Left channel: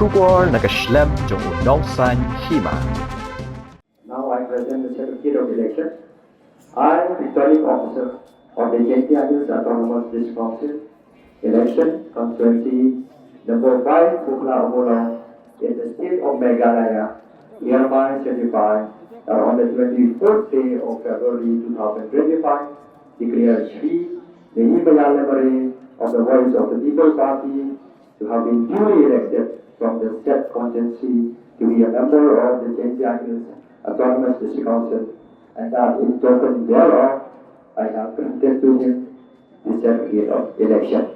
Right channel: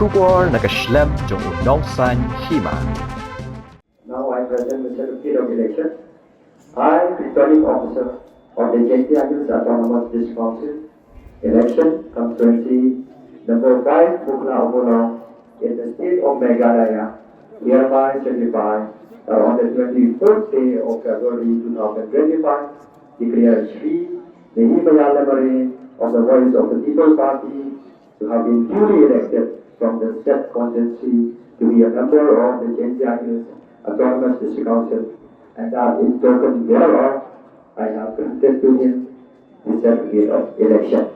Kubor nakaslem jong Ummulong san Hima. Now I present the certificate of election. I, returning officer of the Jhadc Autonomous District Council, election constituency number 5, Mukhla, Ummulong, in the state of Meghalaya, hereby certify that on the 24th day of February 2025, declare Shri Nehimaia Lamare of the Voice of the People Party to have been duly elected from the Jhadc constituency to be a member of the Jhadc Autonomous District Council, and that in token thereof, I have granted to him the certificate of election.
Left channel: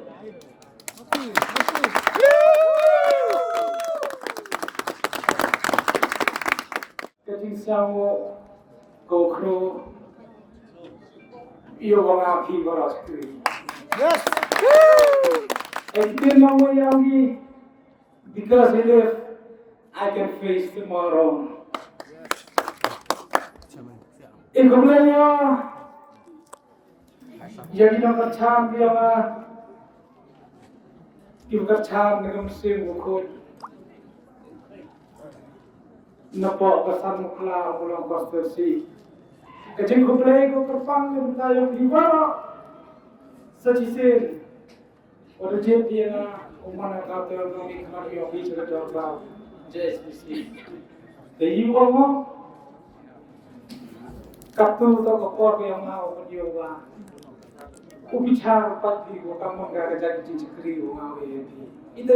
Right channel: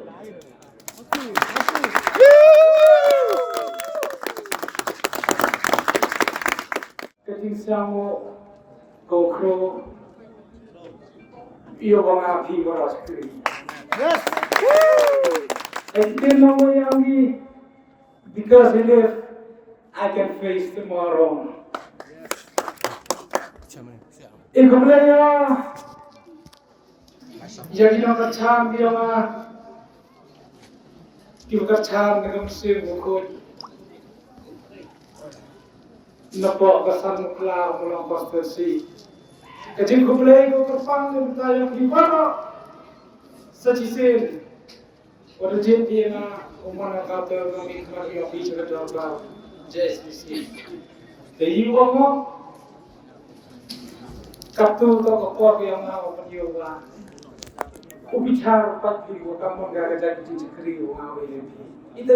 Getting some go crew, you want to be more screen. Yes! And then no more youngie, because if I can face tomorrow. In Kumlaya, jadi nak kacang dia mah, kita kacang dengan Seng bukut, nampak kesan Mukhla Ummulong konstitusi. Kecil Kumlaya ko terpang yang tayang Hima, sejisen, orang Jhadc dia mah, umana kata kami kemarin ofis kerja JSBC. Jadi orang Kaptu atau kekuat yang mau menjual, ubicar pagi, kamu nggak ada jadi cekri, ngawe itu